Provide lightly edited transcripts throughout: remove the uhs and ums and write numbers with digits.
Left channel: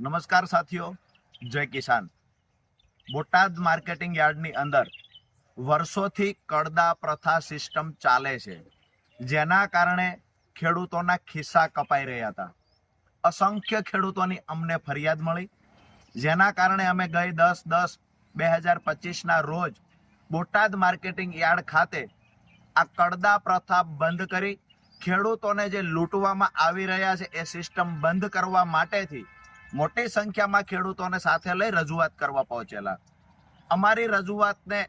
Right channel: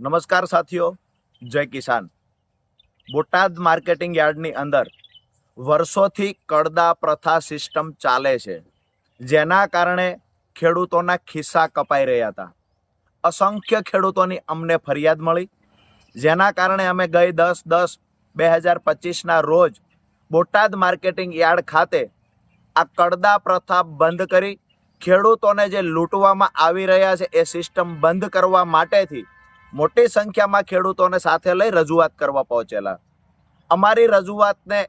નમસ્કાર સાથીઓ, જય કિસાન। બોટાદ માર્કેટિંગ યાર્ડની અંદર વર્ષોથી કડદા પ્રથા સિસ્ટમ ચાલે છે, જેના કારણે ખેડૂતોના ખિસ્સા કપાઈ રહ્યા હતા। અસંખ્ય ખેડૂતોની અમને ફરિયાદ મળી, જેના કારણે અમે ગઈ 10/10/2025ના રોજ બોટાદ માર્કેટિંગ યાર્ડ ખાતે આ કડદા પ્રથા બંધ કરી ખેડૂતોને જે લૂંટવામાં આવી રહ્યા છે એ સિસ્ટમ બંધ કરવા માટેથી મોટી સંખ્યામાં ખેડૂતોને સાથે લઈ રજૂઆત કરવા પહોંચેલા। અમારી રજૂઆતને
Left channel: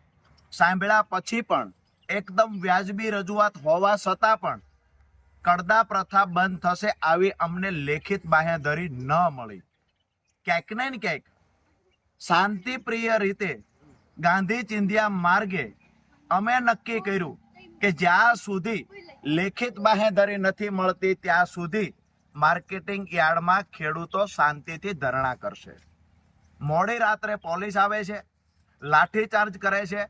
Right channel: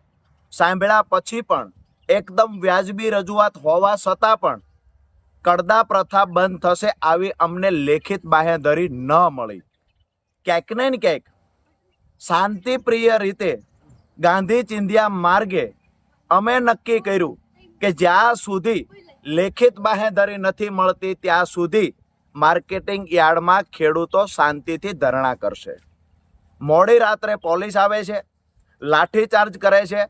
સાંભળ્યા પછી પણ એકદમ વ્યાજબી રજૂઆત હોવા છતાં પણ કડદા પ્રથા બંધ થશે આવી અમને લેખિત બાંહેધરી ન મળી। ક્યાંક ને ક્યાંક શાંતિપ્રિય રીતે ગાંધી ચિંધ્યા માર્ગે અમે નક્કી કર્યું કે જ્યાં સુધી લેખિત બાંહેધરી નથી મળતી ત્યાં સુધી માર્કેટિંગ યાર્ડમાં ખેડૂતો શાંતિથી ધરણા કરશે। મોડી રાત્રે પોલીસ આવે છે, લાઠીચાર્જ કરે છે,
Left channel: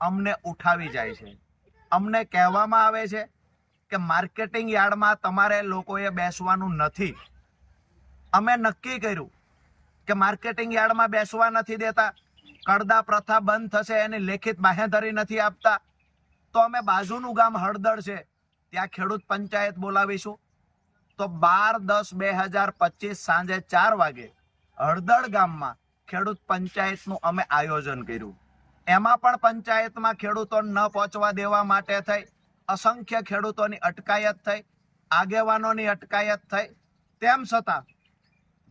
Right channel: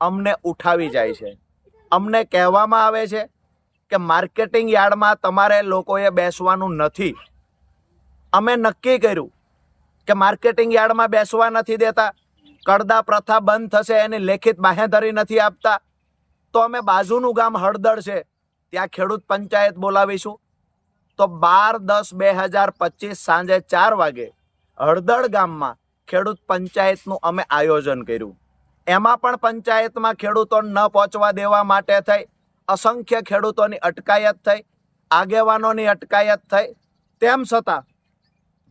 અમને ઉઠાવી જાય છે। અમને કહેવામાં આવે છે કે માર્કેટિંગ યાર્ડમાં તમારે લોકોએ બેસવાનું નથી। અમે નક્કી કર્યું કે માર્કેટિંગ યાર્ડમાં બેસવા નથી દેતા, કડદા પ્રથા બંધ થશે એની લેખિત બાંહેધરી નથી આપતા, તો અમે બાજુનું ગામ હળદળ છે ત્યાં ખેડૂત પંચાયત બોલાવીશું। તો 12/10/2025 સાંજે 4 વાગે હળદળ ગામમાં ખેડૂત પંચાયતનું અમે આયોજન કર્યું। એમાં પણ પંચાયતમાં ખેડૂતો ન પહોંચવા દેવા માટે થઈ અસંખ્ય ખેડૂતોની અટકાયત થઈ, આગેવાનોની અટકાયત થઈ, તેમ છતાં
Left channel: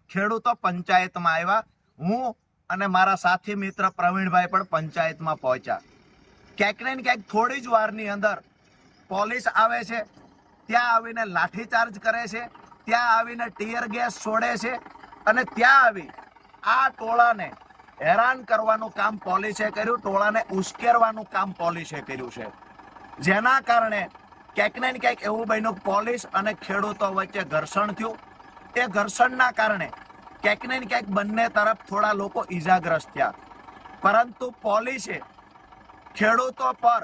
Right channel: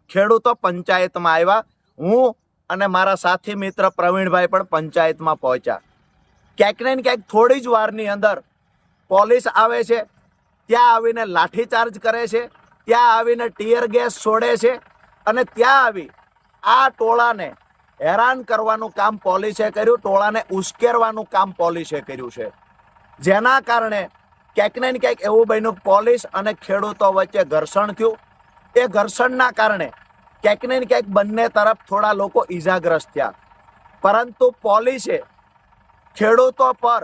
ખેડૂતો પંચાયતમાં આવ્યા। હું અને મારા સાથી મિત્ર પ્રવીણભાઈ પણ પંચાયતમાં પહોંચ્યા। ક્યાંક ને ક્યાંક થોડી જ વારની અંદર પોલીસ આવે છે, ત્યાં આવીને લાઠીચાર્જ કરે છે, ત્યાં આવીને ટીયર ગેસ છોડે છે અને ત્યાં આવી આ ટોળાને હેરાન કરવાનું કામ પોલીસે કર્યું, ટોળાને ઉશ્કેરવાનું કામ પોલીસે કર્યું છે। જેના કારણે ક્યાંક ને ક્યાંક એવું બન્યું પોલીસ અને ખેડૂતો વચ્ચે ઘર્ષણ થયું। એ ઘર્ષણના કારણે ક્યાંક ને ક્યાંક બંને તરફ થોડા લોકો ઈજાગ્રસ્ત થયા, પરંતુ પોલીસે ખેડૂતો પર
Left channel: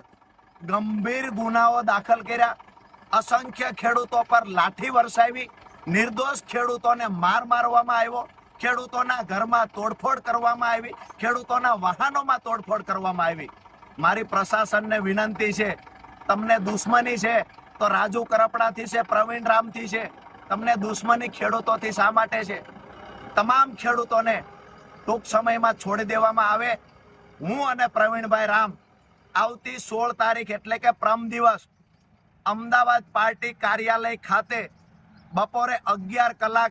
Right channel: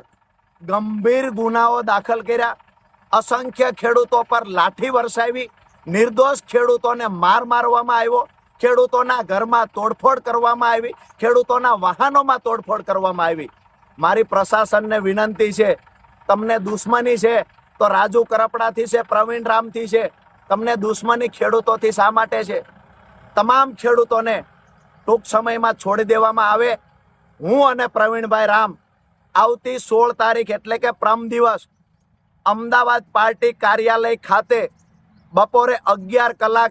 ગંભીર ગુનાઓ દાખલ કર્યા, અસંખ્ય ખેડૂતો પર લાઠી વરસાવી, નિર્દોષ ખેડૂતોને મારવામાં આવ્યો, ખેડૂતોના ઘરમાં તોડફોડ કરવામાં આવી, ખેડૂતોના વાહનોમાં તોડફોડ કરવામાં આવી। મારી પ્રશાસનને વિનંતી છે, તમને દુશ્મની છે તો રાજુ કરપડાથી છે, પ્રવીણ રામથી છે, તમને દુશ્મની ખેડૂતોથી શા માટે છે? તમામ ખેડૂતોને ટૂંક સમયમાં છોડી દેવામાં આવે। હું અને પ્રવીણભાઈ રામ આવતી 16 તારીખ એટલે કે પ્રમ દિવસ અમદાવાદ પાર્ટી કાર્યાલય ખાતે બપોરે 11 કલાક